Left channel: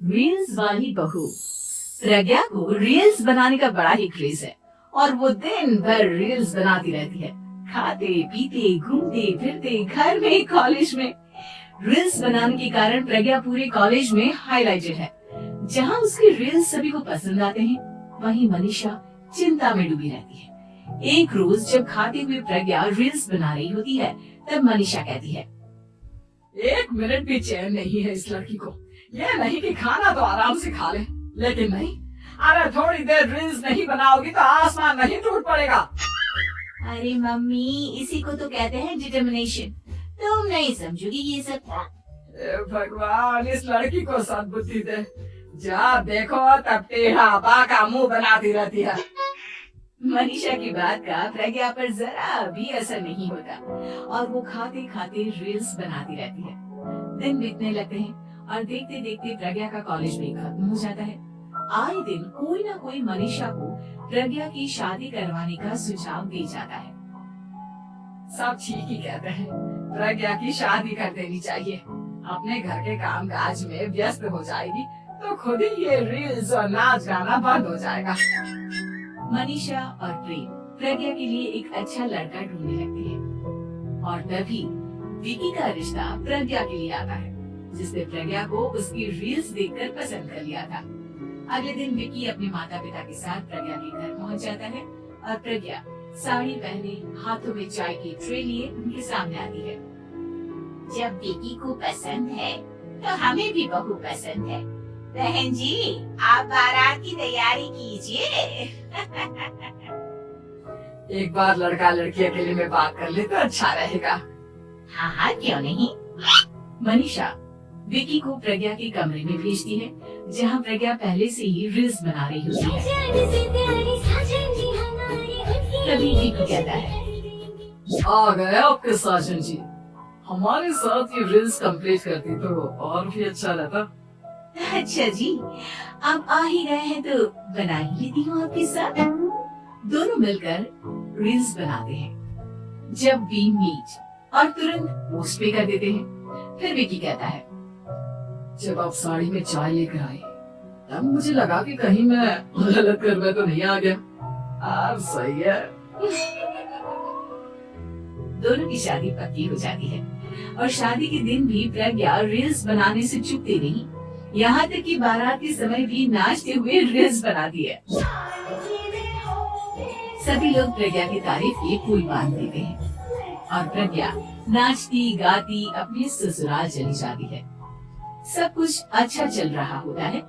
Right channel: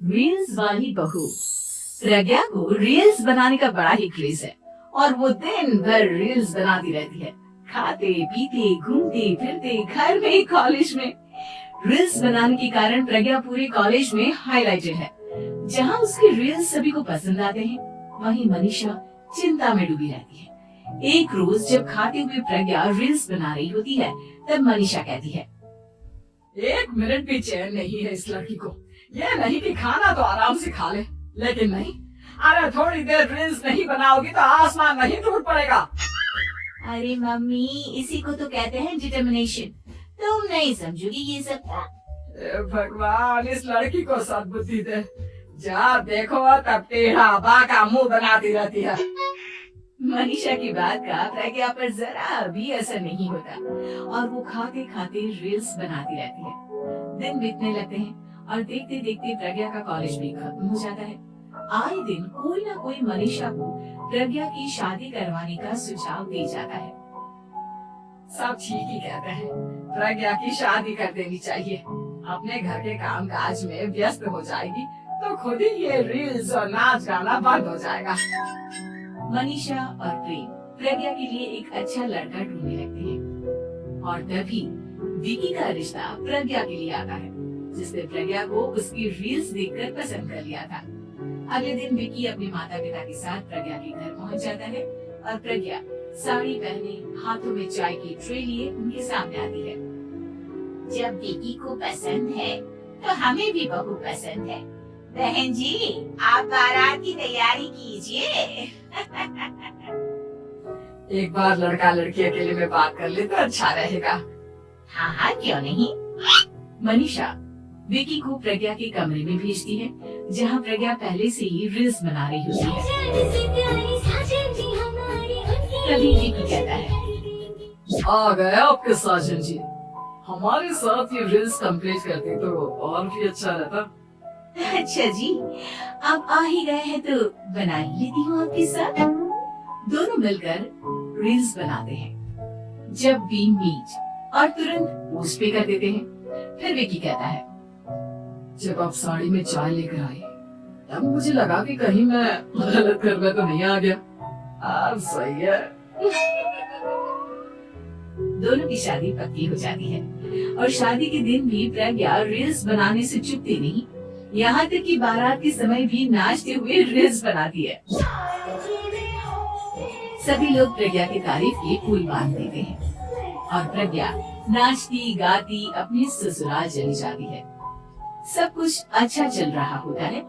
Reels वाली बहू। प्रज्ञा को रील्स बनाने का बड़ा ही क्रेज है और वो दिन भर रील्स बनाती रहती है। खाते पीते घूमते फिरते घर में कॉलेज में रील्स बनाने के कारण प्रज्ञा पूरे कॉलेज में हाईलाइटेड है। जहाँ उसकी रील्स सभी को पसंद आते हैं, वहीं मनीषा चिंता में डूबी रहती है। एक रोज जब खाते हुए प्रज्ञा रील्स बना रही होती है, तब मनीषा कहती है, एक मिनट भी चैन नहीं है इस लड़की को। यह नहीं कि खाना तो आराम से खा ले, लेकिन नहीं, अरे थोड़ी देर रील्स नहीं बनाओगी तो आसमान नहीं टूट पड़ेगा। अरे मम्मी, इसी को तो कहते हैं डिटर्मिनेशन। तुम नहीं समझोगी ये सब। भगवान, इस लड़की को सद्बुद्धि दे। जब देखो तब टेढ़ा बाका मुंह बनाती रहती है। मनीषा की बात का प्रज्ञा पर जरा भी असर नहीं होता और वो खाते खाते रील्स बनाती रहती है। दिन बीतने लगते हैं और देखते देखते प्रज्ञा का कॉलेज भी खत्म हो जाता है। आए दिन कोई ना कोई मनीषा को प्रज्ञा की शादी करवाने का सुझाव दे जाता है। सब ठीक ही कहते हैं, प्रज्ञा की शादी कर देनी चाहिए। अपने घर के काम काज में व्यस्त हो जाएगी तो खुद ही ये रील्स और नाच गाना बंद हो जाएगा। मनीषा और प्रेम प्रज्ञा के लिए एक अच्छा लड़का ढूंढने लगते हैं और तभी विकी का रिश्ता प्रज्ञा के लिए आता है, जिसने प्रज्ञा को उसकी रील्स देखकर पसंद कर लिया था। अगले दिन विकी अपने माता पिता के साथ प्रज्ञा के घर पहुंच जाता है और प्रज्ञा साड़ी पहने हाथों में चाय की ट्रे लिए उनके सामने आती है। जब विकी को पसंद है तो हमें भी बहू पसंद है। बहन जी, आप बारात की तैयारी कीजिए। एक बार लड़का लड़की अकेले में बात कर ले तो अच्छा रहेगा। हाँ हाँ, क्यों नहीं। मनीषा विकी को प्रज्ञा के कमरे में भेजती है, जहाँ प्रज्ञा पहले से ही रील्स बना रही होती है। तभी विकी कहता है, आ गए आपके साजन जी। हमारे साथ ये रील्स कंप्लीट करती तो और भी अच्छा रहता। अच्छा जी, आप आ ही गए हैं तो बना ही लेती हूँ आपके साथ। दोनों मिलकर रील्स बनाते हैं। जब वी मीट और तुरंत पोस्ट पे कर देते हैं। फिर विकी कहता है, जब आप साड़ी में चाय लेकर आई तब मुझे लगा कि कहीं मैं गलत घर में तो नहीं आ गया। अब सही है। दोनों की शादी पक्की हो जाती है और शादी के दिन भी प्रज्ञा रील्स बनाने से चूकती नहीं, यहाँ तक कि बारात के समय भी नाचते हुए रील्स बनाती है। सभी लोग प्रज्ञा की तारीफ के पुल बांध देते हैं और प्रज्ञा नाचती गाती अपने ससुराल चली जाती है। सब कुछ अच्छा चल रहा होता है।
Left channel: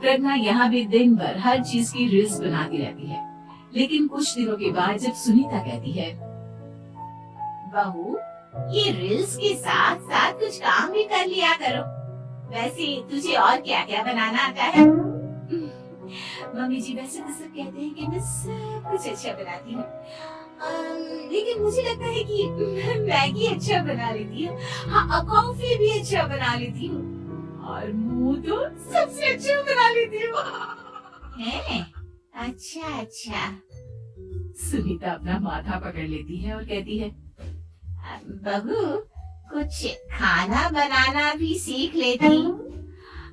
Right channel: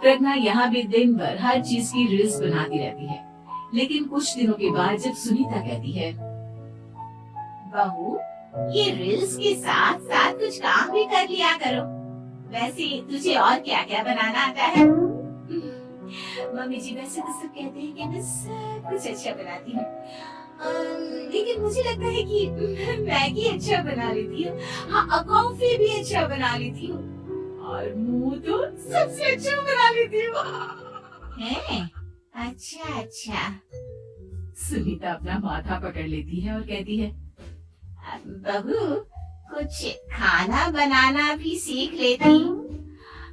प्रज्ञा यहाँ भी दिन भर हर चीज की रील्स बनाती रहती है, लेकिन कुछ दिनों के बाद जब सुनीता कहती है, बहू, ये रील्स के साथ साथ कुछ काम भी कर लिया करो। वैसे तुझे और क्या क्या बनाना आता है? मम्मी जी, वैसे तो सब कहते हैं कि मैं सब कुछ अच्छा बनाती हूँ, लेकिन मुझे लगता है कि मैगी अच्छा बना लेती हूँ, हाँ कॉफी भी अच्छा बना लेती हूँ और मुंह तो सबसे अच्छा बना लेती हूँ। अच्छा अच्छा। सुनीता अपना माथा पकड़ लेती है और कहती है, बहू, कुछ खाना बनाना भी सीख लेती हूँ।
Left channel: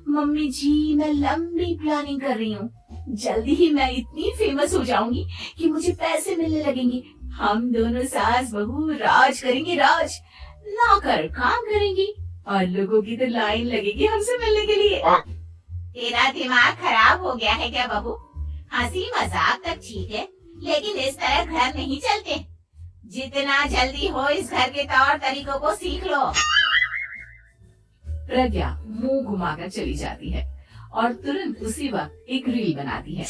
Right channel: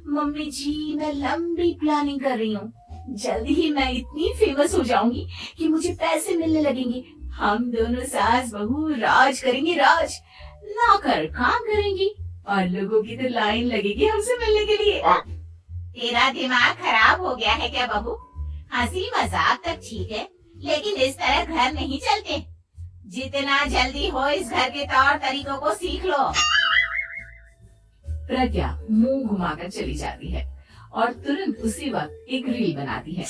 मम्मी जी, मैं लंबी प्लानिंग कर रही हूँ। जल्दी ही मैं इतनी फेमस हो जाऊंगी कि मुझे पैसे मिलने लगेंगे। हम दोनों सास बहू राज करेंगे, राज। नौकर काम करेंगी और लोगों की तो लाइन लगेगी हमसे मिलने के लिए। तेरा दिमाग खराब हो गया है क्या बहू? हंसी मजाक तक ठीक है, लेकिन इस तरह घर नहीं चलते। जितना जल्दी हो इस घर के तौर तरीकों को सीख लो। प्रज्ञा मुंह घुमाकर चली जाती है और तुरंत उसी वक्त एक रील बनाती है।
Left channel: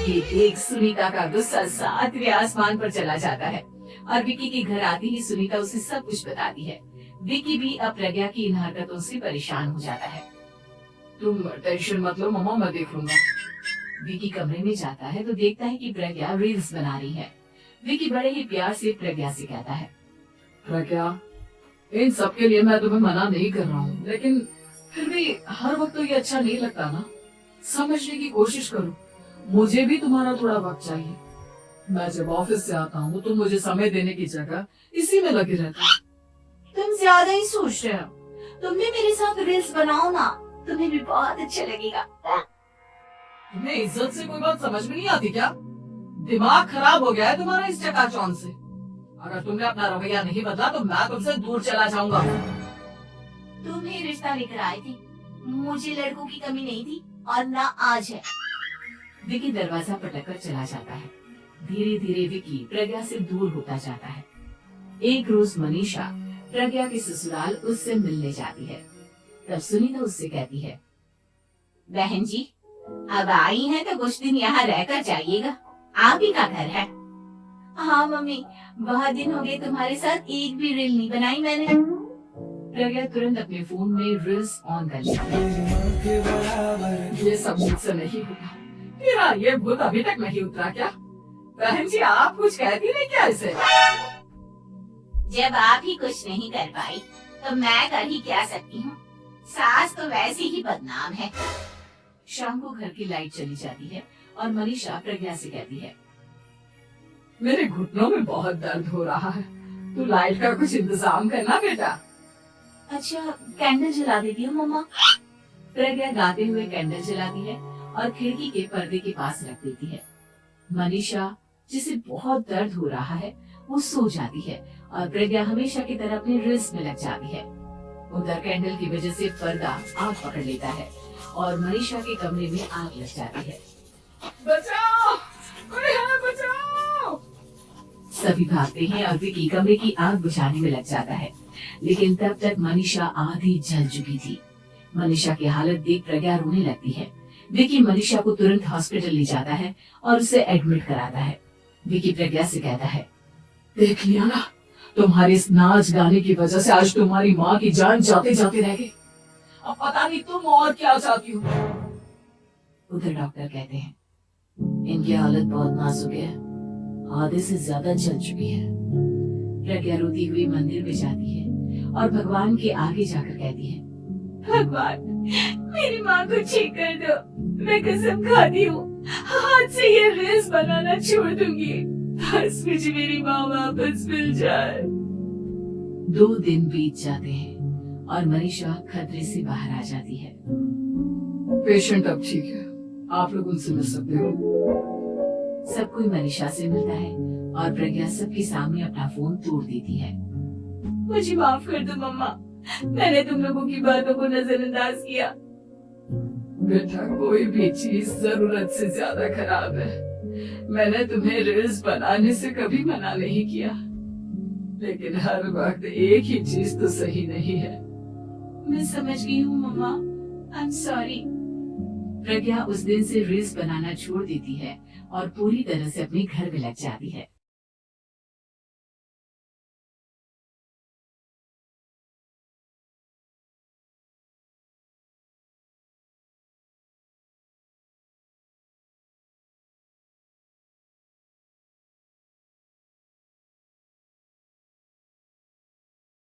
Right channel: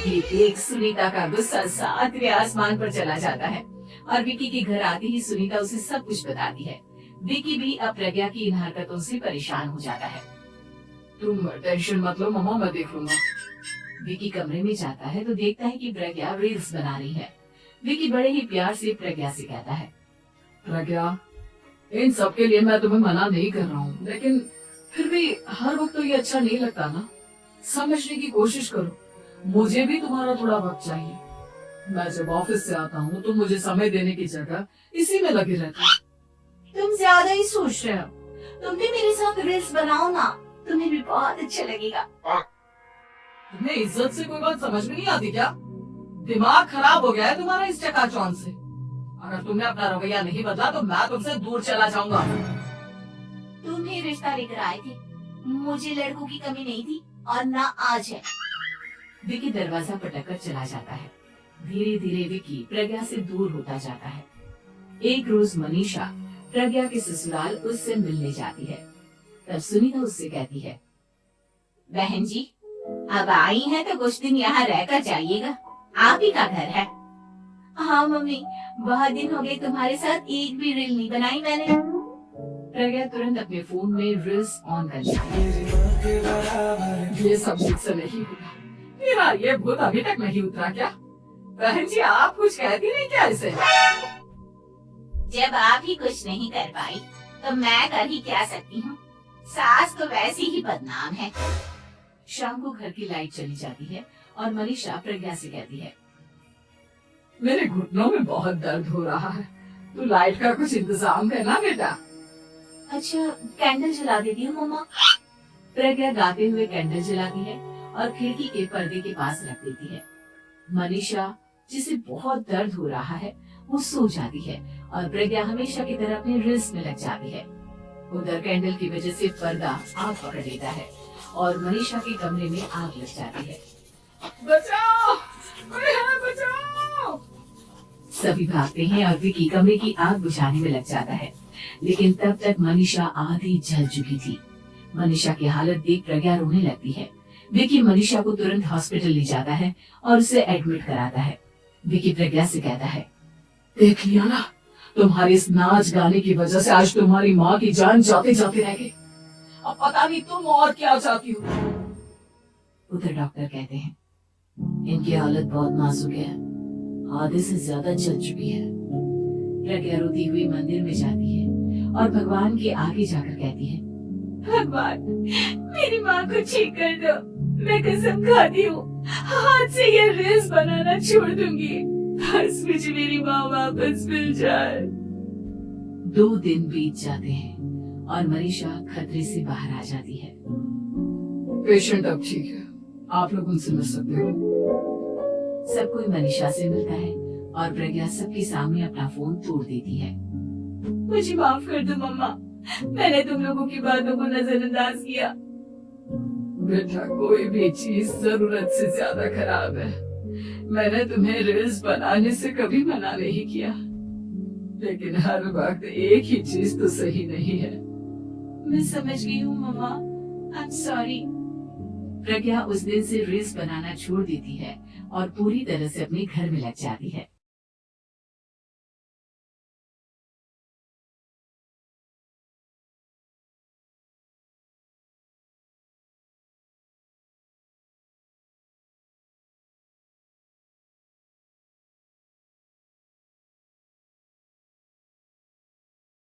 ये देख सुनीता का गुस्सा सातवें आसमान पर चला जाता है और विकी के घर आते ही सुनीता उसे सब कुछ बताती है। विकी भी अब प्रज्ञा की इन हरकतों से परेशान हो जाता है। तुम टेंशन मत लो मामा, मैं देख लूंगा। विकी कमरे में जाता है तो देखता है कि प्रज्ञा रील्स बना रही है। विकी बड़े ही प्यार से प्रज्ञा से कहता है, प्रज्ञा, इन सब के लिए मैं तुम्हें मना नहीं कर रहा हूँ, लेकिन फिर भी हर वक्त तो ये अच्छा नहीं लगता ना। समझने की कोशिश करो, मुझे भी तुम्हारा थोड़ा वक्त चाहिए। मैं जब ऑफिस से आता हूँ तो मुझे समय देने की जगह इसी में लगे रहता है। तुम ज्यादा ही सोच रहे हो। तुम भी मेरे साथ रील्स बनाओ ना, तुम्हें भी बहुत अच्छा लगेगा। तुम्हें इज्जत से कोई बात समझ में नहीं आती क्या? दिमाग खराब हो गया है तुम्हारा इस चकाचौंध से। अगर तुमने अपना रवैया नहीं बदला तो मैं तुमसे दूर चला जाऊंगा। तुम ही रिश्ता लेकर आए थे, मुझे लड़कों की कमी नहीं थी और ना आज है। विकी दरवाजा पटककर चला जाता है। धीरे धीरे विकी प्रज्ञा से दूर होता जाता है। एक रोज मनीषा प्रज्ञा के ससुराल उससे मिलने जाती है। तब सुनीता उससे कहती है, बहन जी अब आई हैं तो कुछ दिन यहाँ रहकर जाइएगा, आप ही का घर है। हाँ मम्मी, बहुत दिन हो गए तुम्हारे साथ एक भी रील नहीं बनाई मैंने। प्रज्ञा तुरंत अपने फोन में रील्स ऑन कर लेती है। ये सब मुझसे नहीं होता। मेरा ये भूत अभी तक नहीं उतरा क्या? बहन जी आप कुछ कहती नहीं क्या इसे? जब आप ही कुछ नहीं कर पाई तो मैं कर ही क्या सकती हूँ। सास तो वैसी ही बदनाम है। शाम को घर की लाइट चली जाती है और मनीषा प्रज्ञा से कहती है, मेरे घुटनों में बहुत दर्द हो रहा है, तू लाइट का कुछ इंतजाम करना बेटा। अच्छा कैंडल जला देती हूँ मम्मा। प्रज्ञा गाते हुए कैंडल जलाती है और खिड़की के पर्दे के पास रख देती है। मनीषा जिसे बहुत दर्द हो रहा है वो सो जाती है और प्रज्ञा हमेशा की तरह अपनी रील्स में लग जाती है। उधर कैंडल की वजह से पर्दा आग पकड़ लेता है और मनीषा के कमरे में आग लग जाती है। बचाओ, कोई है बचाओ। सभी भागते हैं और विकी कमरे की आग बुझाने में लग जाता है, लेकिन तब तक मनीषा आधी जल चुकी थी। मनीषा की हालत देख प्रज्ञा रोने लगती है। विकी मनीषा को तुरंत हॉस्पिटल ले जाता है और उसे एडमिट कराता है। विकी प्रज्ञा से कहता है, देख लिया ना, तुम्हारी इस नाच गाने की वजह से आज तुम्हारी माँ की जान जाते जाते रह गई। अब पता नहीं तुम और क्या चाहती हो। उधर डॉक्टर कहते हैं, इनकी हालत बहुत नाजुक है, आधे से ज्यादा जल चुकी है। प्रज्ञा रोती हुई मंदिर में जाती है और भगवान के आगे जाकर कहती है, भगवान मेरी माँ को ठीक कर दो, मैं कसम खाती हूँ हाथ से ये रील्स बनाना छोड़ दूंगी, बस मुझे मेरी माँ वापस मिल जाए। 2 दिन बीत जाते हैं और मनीषा खतरे से बाहर आ जाती है। पेशेंट अब ठीक है, आप लोग उनसे मिल सकते हो। सब कोई मनीषा से मिलता है और प्रज्ञा सबके सामने अपना फोन तोड़ देती है। मुझे माफ कर दो मम्मा, मैंने तुम लोगों की बातों को नजरअंदाज किया। बेटा कोई भी चीज जरूरत से ज्यादा खराब है। मैंने तुम्हें रील्स बनाने से कभी मना नहीं किया, लेकिन हर वक्त एक ही चीज तो सही नहीं है। मैं समझ गई हूँ मम्मा, आई एम सॉरी। प्रज्ञा उस दिन से रील्स बनाना छोड़ देती है और पूरी तरह से अपने घर में लग जाती है।